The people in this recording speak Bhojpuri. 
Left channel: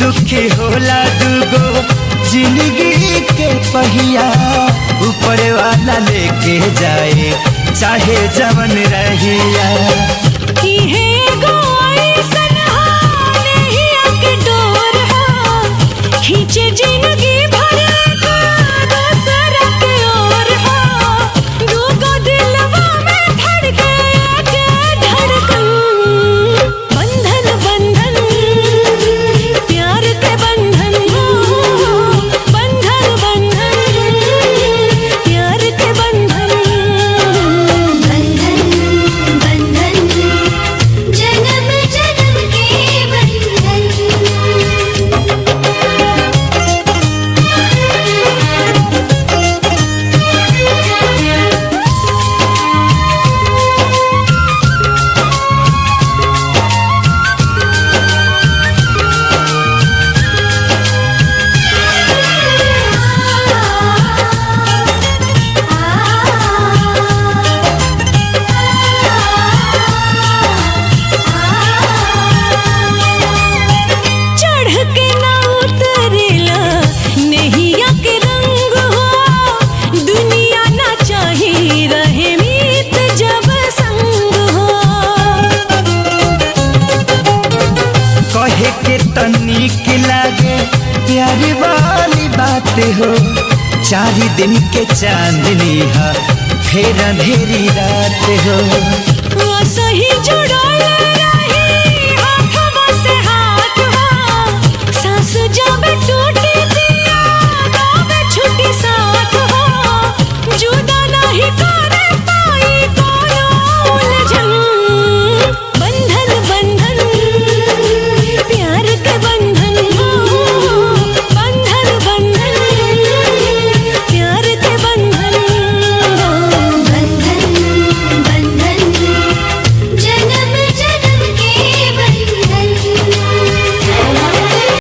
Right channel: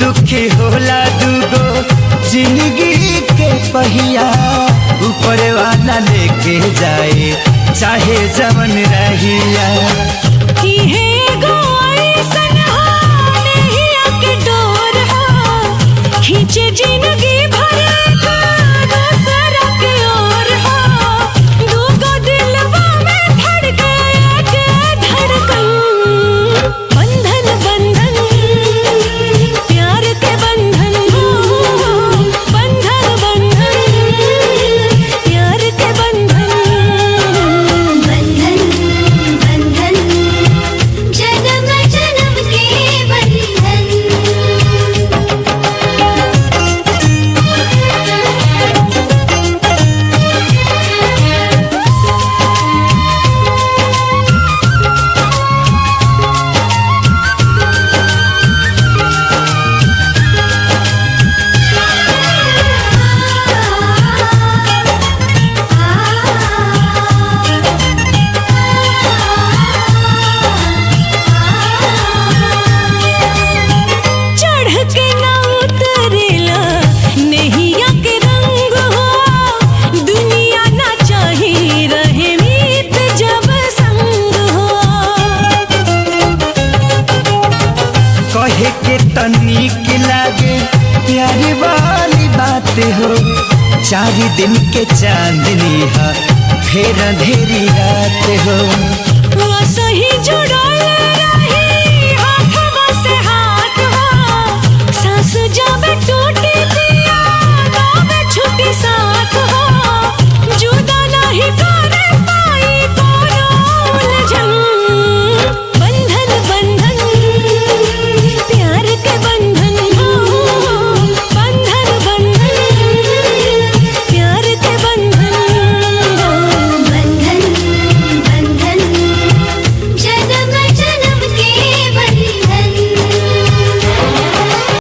दुखी होला दुगो जिंदगी के पहिया, ऊपर वाला लेके जाए चाहे जवन रहिया। खींचे जिंदगी भर का दूसरा के ओर हो, दूगो दिलवा में धड़के के धड़कन। बंधन बंधन प्यार के बंधन हो, बंधन बंधन प्यार के बंधन। बंधन बंधन जन्म जन्म के बंधन। के ना उतरेला नैया के रंग हो, दुनिया ना चाही रहे मीत जब संग हो। कहे के तनिक लागे प्यारी वाली बात हो, 4 दिन के चांदनी है फिर अंधेरी रात हो। सही जुड़ा